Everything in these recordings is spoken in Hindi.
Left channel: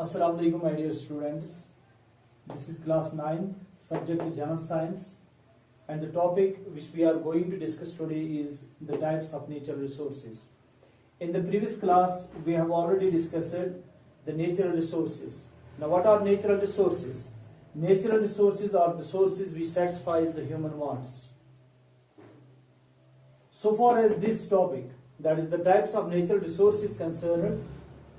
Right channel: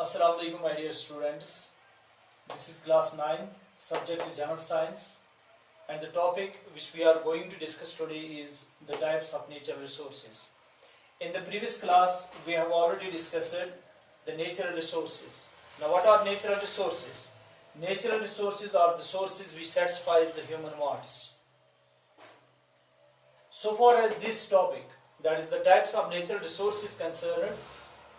Assalamu alaikum my dear students. This is class 9, subject is general science, and the topic which we are going to discuss today is the types of natural resources. In the previous class we have already discussed the natural resources. Now what are natural resources? Natural resources are the sources which satisfies the human wants. So far as this topic, that is the types of natural resources concerned,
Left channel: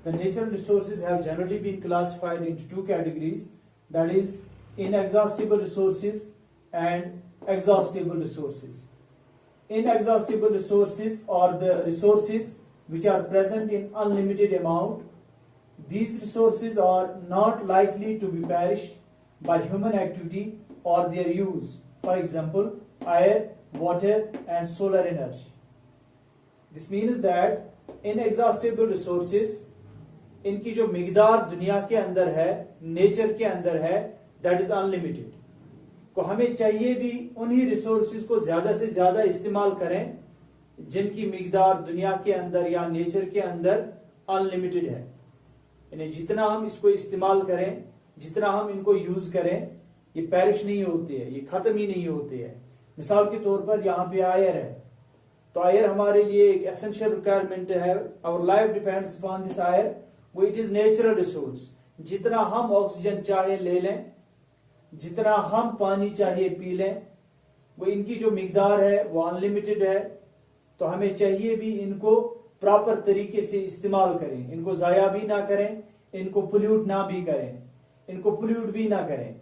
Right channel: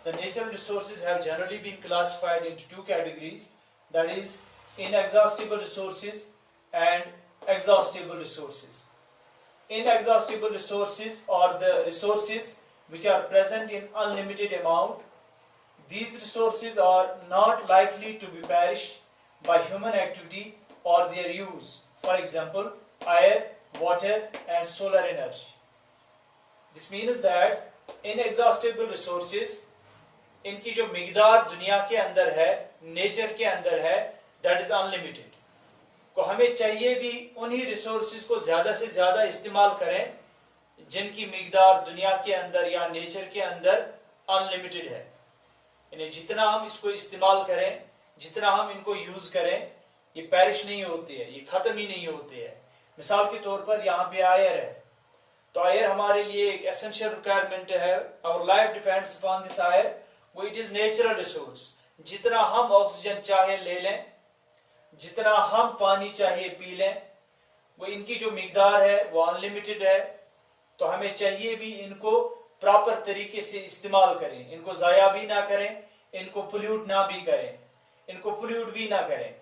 the natural resources have generally been classified into two categories, that is inexhaustible resources and exhaustible resources. Inexhaustible resources are the resources which are present in unlimited amount. These resources are not likely to be perished by human activity or their use. For example, air, water and solar energy. This means that inexhaustible resources, इनकी जो मिकदार दुनिया के अंदर है, नेचर के अंदर है, दैट इज अनलिमिटेड. को हमें चाहिए भी उन्हीं रिसोर्सेज को ज़्यादा से ज़्यादा इस्तेमाल करें जिनकी मिकदार दुनिया के अंदर या नेचर के अंदर अनलिमिटेड है. यानी जितना हम इसको इस्तेमाल करें, जितना हम इनको यूज़ करें, ये पेरिश नहीं होती है, ये ख़त्म ही नहीं होती है. मिसाल के तौर पर यहाँ पे आयर है, तो आयर हमारे लिए एक एसेंशियल रिक्वायरमेंट है. Our life depends upon this air. वो इट इज नेचुरल रिसोर्स. जितना हम ऑक्सीजन चाहे ले लें, जितना हम पानी चाहिए पी लें, वो इनकी जो मिकदार है वो अनलिमिटेड है. तो हमें चाहिए भी इनको प्रॉपर तरीके से इस्तेमाल करें, इनको ज़ाया भी ना करें, इनको पोल्यूट ना भी करें, इनको पोल्यूट भी ना करें.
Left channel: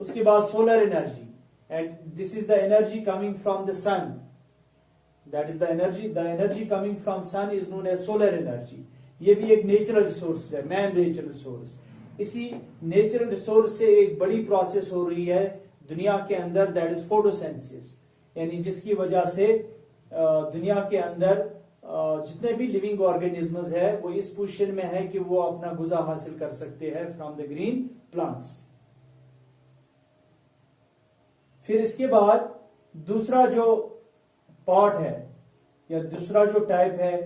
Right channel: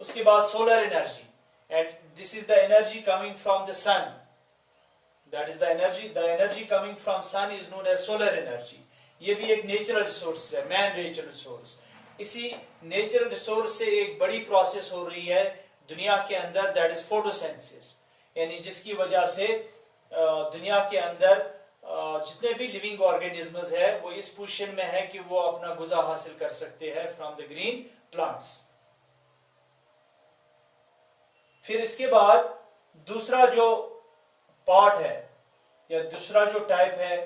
उसके बाद solar energy, and this is the energy coming from the sun. That is the energy coming from sun is known as solar energy. ये भी एक नेचुरल रिसोर्स है, मैन नेचुरल रिसोर्स. इसी नेचुरल रिसोर्स से एक बड़ी प्रोसेस हो रही है दुनिया के अंदर, दैट इज फोटोसिंथेसिस. यानी जिसकी वजह से दुनिया के अंदर जितने भी लिविंग ऑर्गेनिजम्स है वो इस पोजीशन में है कि वो अपना गुज़ा हासिल कर सकते हैं फ्रॉम द ग्रीन प्लांट्स. फिर इसके बाद दूसरा जो पार्ट है या दूसरा जो टाइप है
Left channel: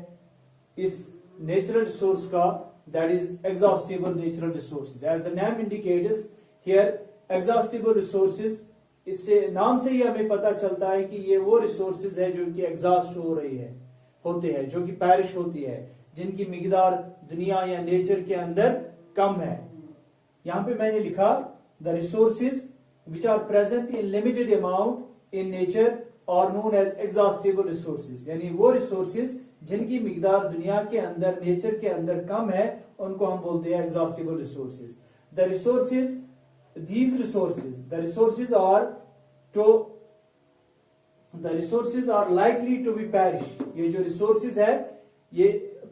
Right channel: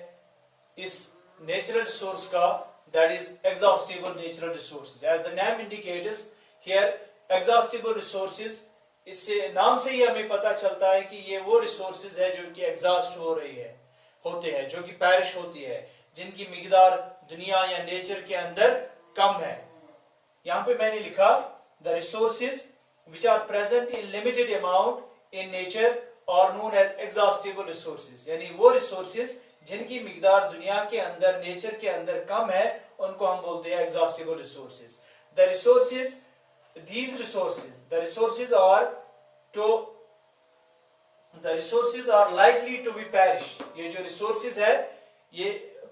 इस नेचुरल रिसोर्स का, that is exhaustible natural resources. As the name indicates here, exhaustible resources, इससे नाम से ही हमें पता चलता है कि ये वो रिसोर्सेज है जो कि एग्जॉस्ट हो रही है, होते हैं, जो कि पैरिश होती है, जिनकी मिकदार दुनिया या नेचर के अंदर कम है. यहाँ पे मैंने लिखा the resources which are present in limited amount in nature are known as exhaustible resources. यानी वो रिसोर्सेज जिनकी मिकदार दुनिया के अंदर, नेचर के अंदर कम है, उनको हम बोलते हैं exhaustible resources. The resources, these resources, the resources are likely to be perish. ये जो रिसोर्सेज है ये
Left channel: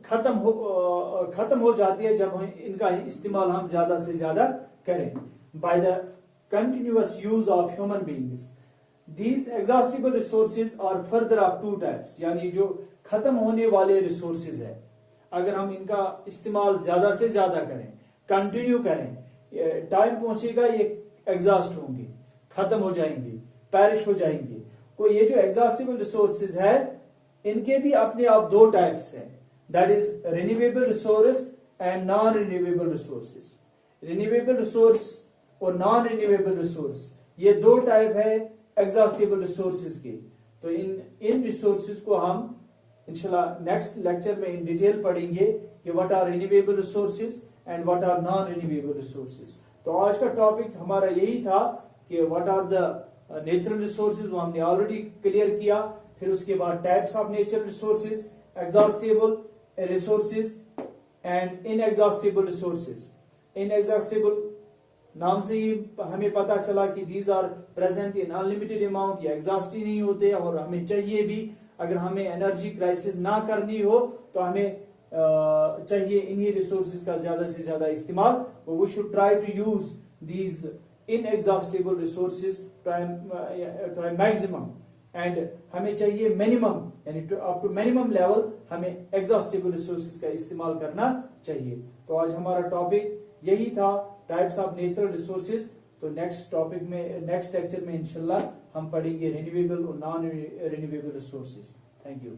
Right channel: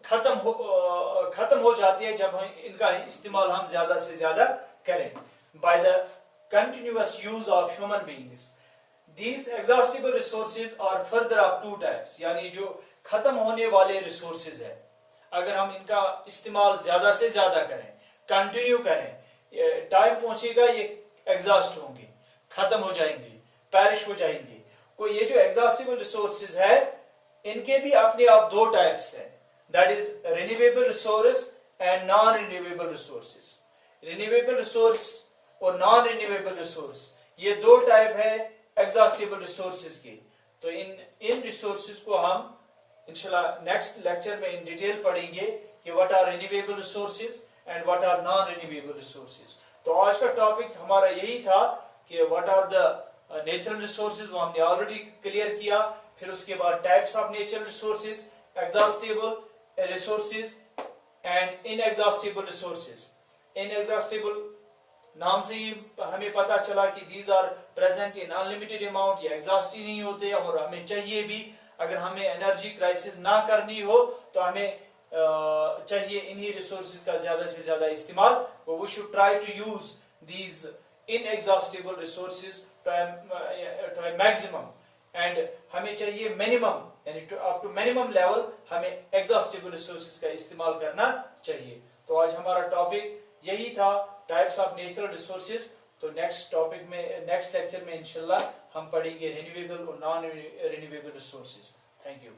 खत्म हो जाती है जब इनका इस्तेमाल हम ज्यादा से ज्यादा करें. by the continuous use of human beings. These exhaustible resources are further of two types. यानी जो खत्म होने वाले रिसोर्सेज है, अगर हम इनका इस्तेमाल ज्यादा से ज्यादा करें, कंटिन्यू करें, टाइम पहुंचेगा ये एग्जॉस्ट होंगे, खत्म हो जाएंगे, पैरिश हो जाएंगे. को ये जो एग्जॉस्टिबल रिसोर्सेज है इनके भी अपने आप दो टाइप्स हैं, that is renewable resource and non renewable resources. Renewable resource और नॉन रिन्यूएबल रिसोर्स, ये दो टाइप है एग्जॉस्टिबल रिसोर्सेज की. तो इन रिसोर्सेज को हम इंशाल्लाह नेक्स्ट लेक्चर में इन डिटेल पढ़ेंगे कि what are renewable resources and what are non renewable resources. तो आज का टॉपिक हमारा यही था कि what are the natural resources, वो हमने ऑलरेडी क्लियर किया. फिर उसके बाद types of natural resources, exhaustible resources and inexhaustible resources. Inexhaustible नाम से ही हमें पता चला कि these are present in unlimited amount, ये एग्जॉस्ट ही नहीं होते और हमें चाहिए भी. अगर हमें एनर्जी क्राइसिस ना करनी हो तो हमें चाहिए इन्हीं रिसोर्सेज का ज्यादा से ज्यादा इस्तेमाल. We should try to use these inexhaustible resources to maximum, and हमें चाहिए मिनिमम, यानी अप टू मिनिमम लेवल हमें एग्जॉस्टिबल रिसोर्सेज का इस्तेमाल करना चाहिए. तो आज हमारा टॉपिक यही था, टाइप्स ऑफ नेचुरल रिसोर्सेज. तो नेक्स्ट टॉपिक में, नेक्स्ट लेक्चर में इंशाल्लाह हम पढ़ेंगे रिन्यूएबल और non renewable resources. Thank you.